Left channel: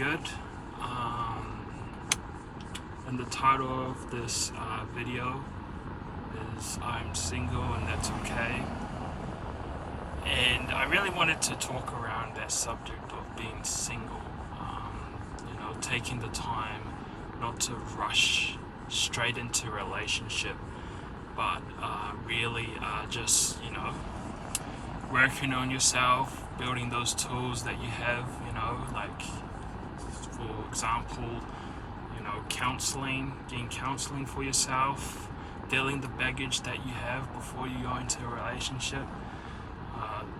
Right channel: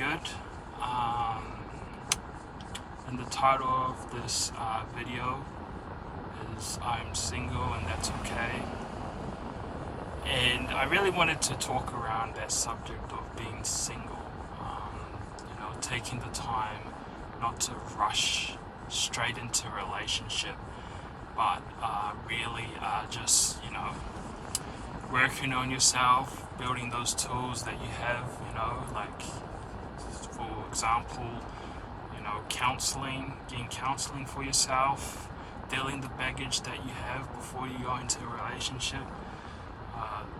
good. And the title of this video is I'm single and that's okay. And I really wanted to talk around that subject of being single. Taking the time not to rush straight into a relationship, but really just, working on yourself, building those tools that you have, like, for example, counseling, getting counseling for yourself, dealing the baggage that you have before you go into a relationship.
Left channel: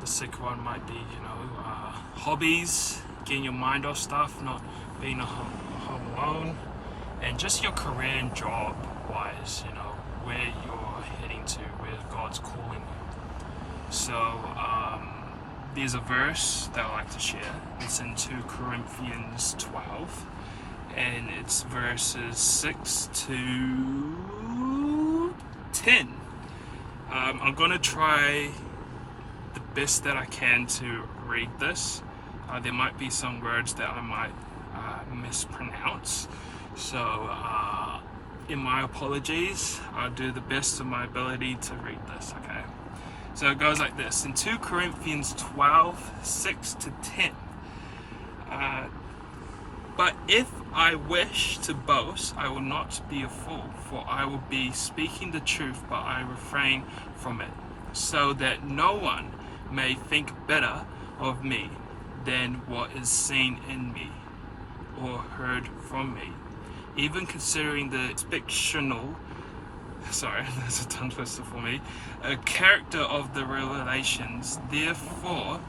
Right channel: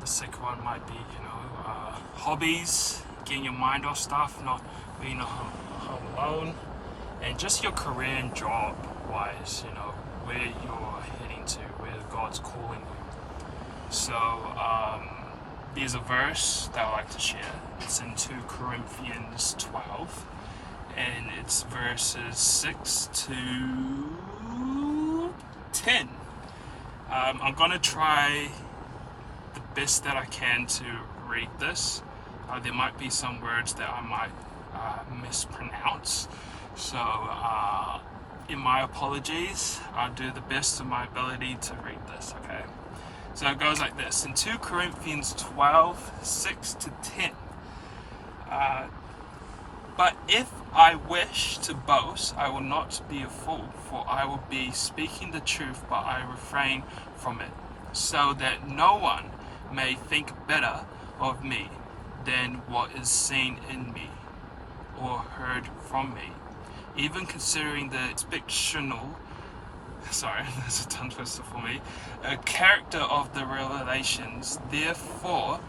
The second one might be, hobbies, getting your mind off stuff, not being home alone, and just your career and job wise, where you're heading to, where God's calling you. So there's a verse that I like to share. It's in 2 Corinthians 12, and it's verses 6 to 10. I'm gonna try the best that I can to read this. There might be some words that I might mispronounce, so in my apologies. I'll do the best of my ability to read this, okay? So it goes like this, in 2 Corinthians 12, 6 to 10. But if I wish to boast, I will not be a fool, for I will be speaking the truth, but I refrain from it, so that no one may think better of me than what is seen in me or heard from me, even considering the fictional, that's a tongue twister for me, a character of the revelations. Therefore,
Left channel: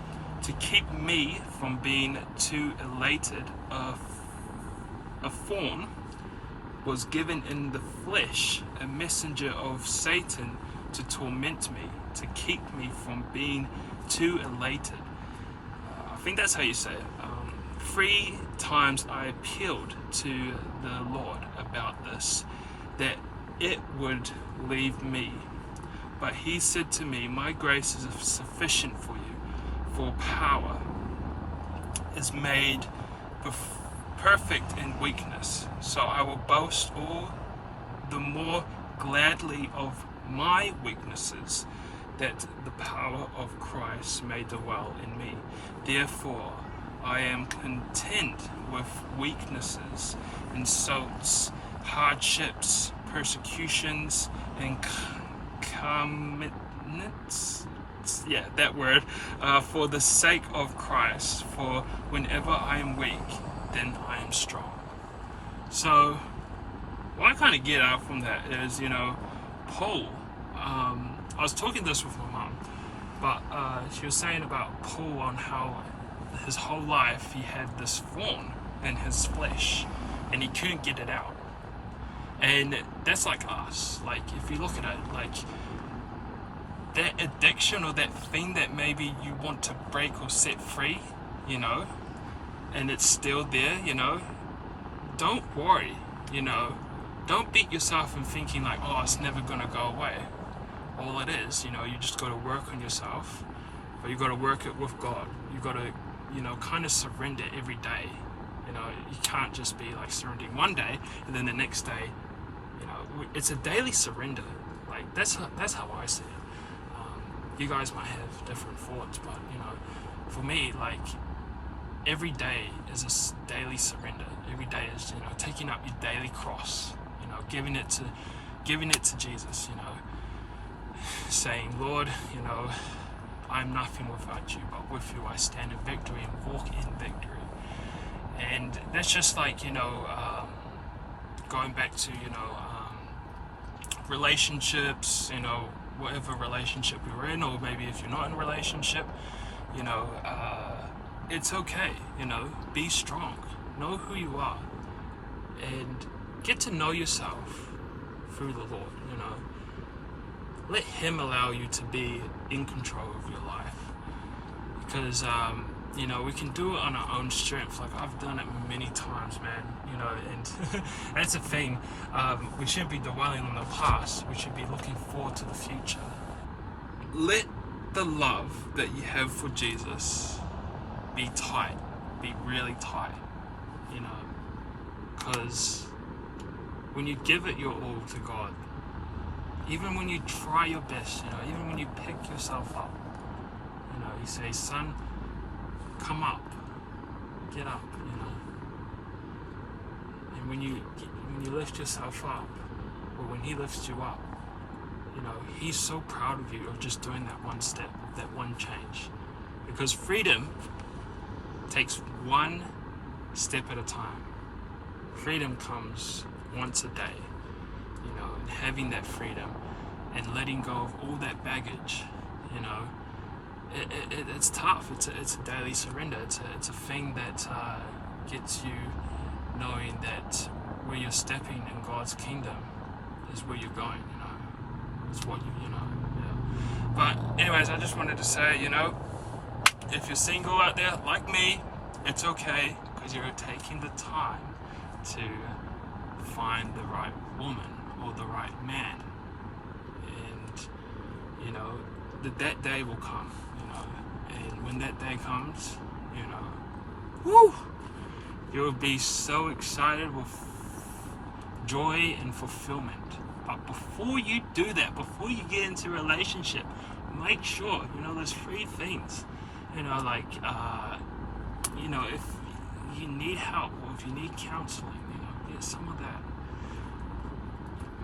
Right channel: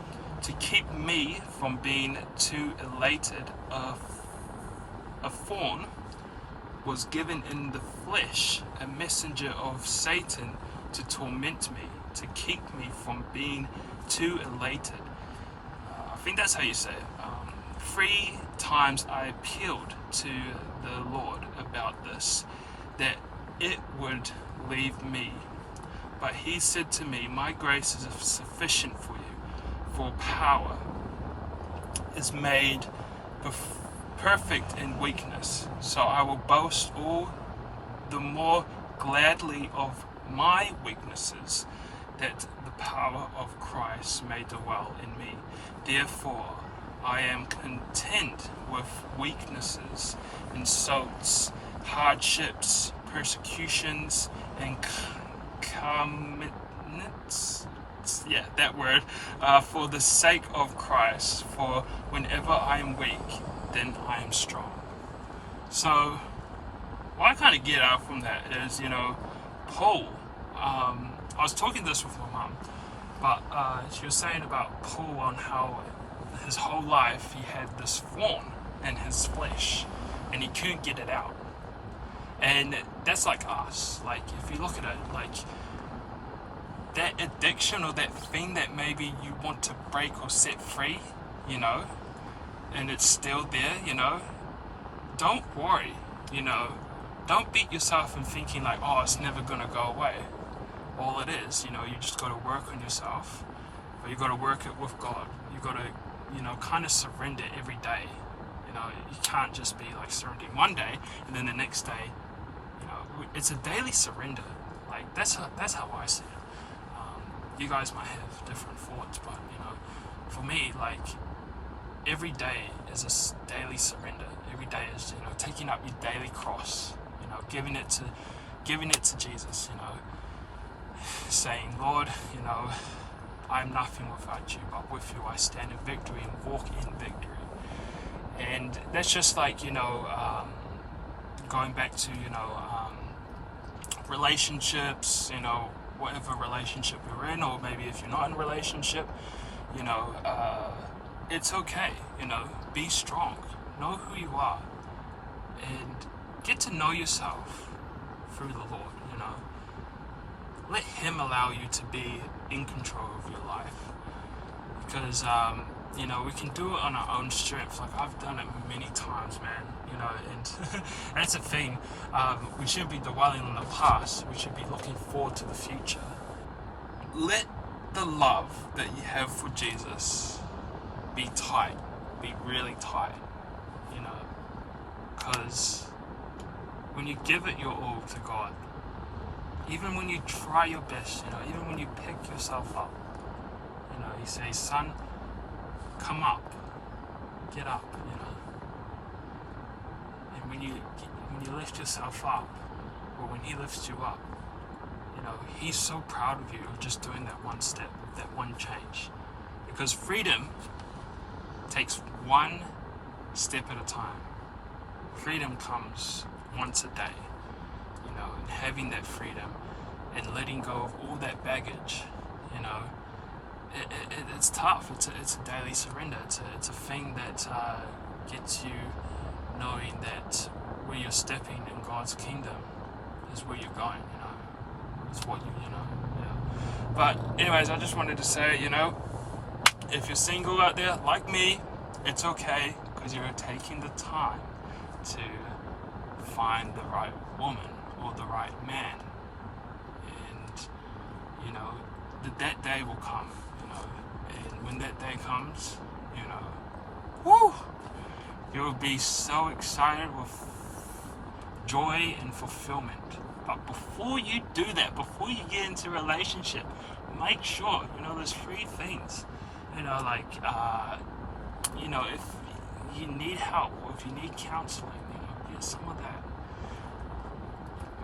to keep me from being too elated, a thorn was given in the flesh, a messenger of Satan to torment me, to keep me from being too elated. I think that's how you say it. 3 times I appealed to the Lord about this, that it would leave me. But he said to me, my grace is sufficient for you, for power is made perfect in weakness. So I will boast all the more gladly of my weaknesses, that the power of Christ may dwell in me. Therefore, I am content with weaknesses, insults, hardships, persecutions, and for the sake of Christ. For whenever I am weak, then I am strong. So, what I kind of get out from that is, Paul. I was talking this with my mom, but she was saying about Paul on how his whole life he had this thorn in his flesh and he couldn't get it out. And that's like us. Like, if you look at it, like that addiction or that thing that maybe you want to break or set free, and it's still there, don't worry, don't beat yourself in thinking like, oh, it's never gonna go away. All it is, you just got to work on yourself, but you got to work it with God. You got to, kind of surrender every day. You can't just be like surrendering one day and then the next day, it's a daily surrender. Like that's how I see it. You guys might have different thoughts, but for me, like every day is a daily surrender. Every day is taking up your daily cross. Giving it to Jesus. Saying, Lord, I'm nothing without you, but with you I stand in victory and walk in victory. And that's just like, going back to, relationships, whatever relationship you're in, or maybe if you're not in a relationship, it's okay, be strong, know who you are, and get to know yourself through the Lord, Let him allow you to be in control of your life, because we can do it on our own strength. Like I've done it many times, man, and that's the thing. We shouldn't be dwelling on the past. We should be looking forward to the future. Let the love that you have for Jesus be tight, be really tight, you know, because when you give it your all to God, even when you try your best, you know, even when you pick yourself up, you know, you say, son, come up, get up, you know. And when you lift yourself up, or when he lifts you up, you know, he's so proud of you of just doing that one step, that one change. Because freedom takes one step at a time. Freedom comes once a day, you know, and having that freedom and letting go of all that baggage, you know, it's tough. It's a daily surrender. It's a thing that gets you knowing that where you're stepping in God's kingdom is where you're going, you know. It's what you know. Yeah. But anyways, I just wanted to say, you know, if you're single out there like me, it's okay, because you're taking the time to find the right woman or the right man. And, you know, that day will come, you know. And when that day comes, you know, woo! You'll be so excited with joy and fulfillment. But before you do that, before you get into a relationship, make sure, you know, there's 3 things. You know, like, you know, if you need help or if you need counseling, you know, get some of that.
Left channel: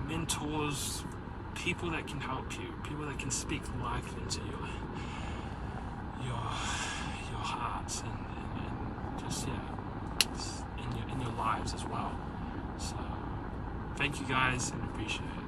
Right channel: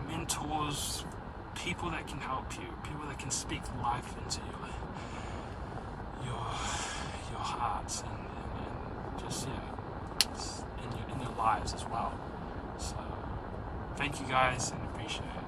Mentors, people that can help you, people that can speak life into your hearts and just, you know, in your lives as well. So, thank you guys and appreciate it.